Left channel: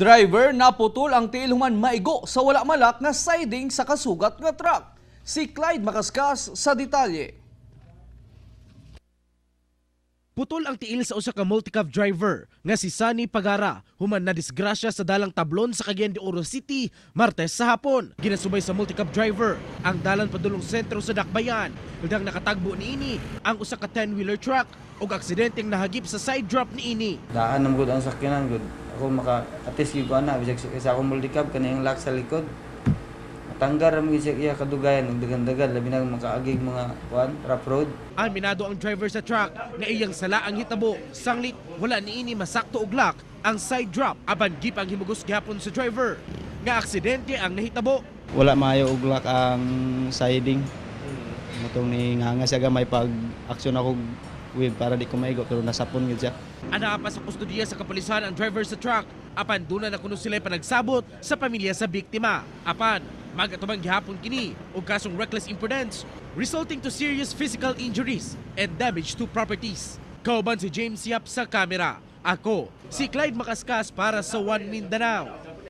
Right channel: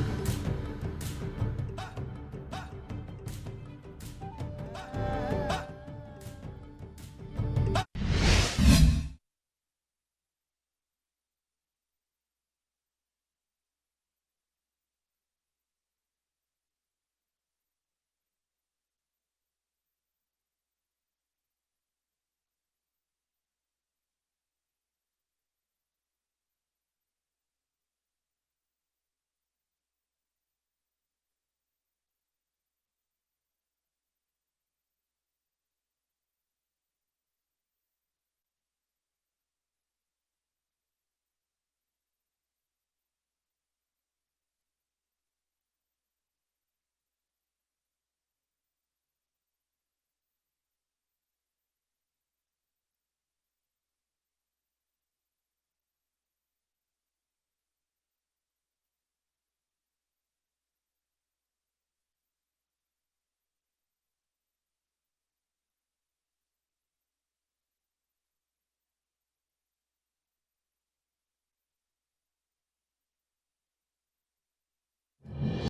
Driver naputol ang tiil human maigo sa wala malak nga siding sa kasugat nga truck. Si Clyde Makaskas sa detalye. Putol ang tiil sa usa ka multicab driver nga si Sunny Pagara human na disgrasya sa dalang tablon sa Cagayan de Oro City Martes sa hapon. Ginasubay sa multicab driver ang dalan padulong sentro sa Dakbayan. Udang nakatagbo niini ang usa ka 10-wheeler truck ug aksidenteng nahagip sa side drop niini. Daan naman gud ang sakyanan gud. Ako maka-atis gyud ko ana bisag sa akong multicab kanang lock sa likod. Matanggar ra mo siya iya kadugayan ug dagan-dagan labi na makaagig mga rough road. Aminado ang driver sa truck nga iyang sala ang hitabo. Sanglit wala niini masakto og lock ang side drop aban gipang himugos gihapon sa driver. Nga aksidente ang nahitabo. Wala maayo og lock ang siding. Mutong ni nganga siya gamay pag aksyon ako wave para di ko maigo pero nasapon gyud siya. Ana pa sa kustodiya sa kapulisan ang driver sa truck. Apan duna na kuno sila panagsabot sa pamilya sa biktima. Apan magatubang gihapon kini og kasong reckless imprudence resulting to serious physical injuries and damage to properties. Kauban si James Yap sa kamera. Ako, si Clyde Makaskas para sa One Mindanao.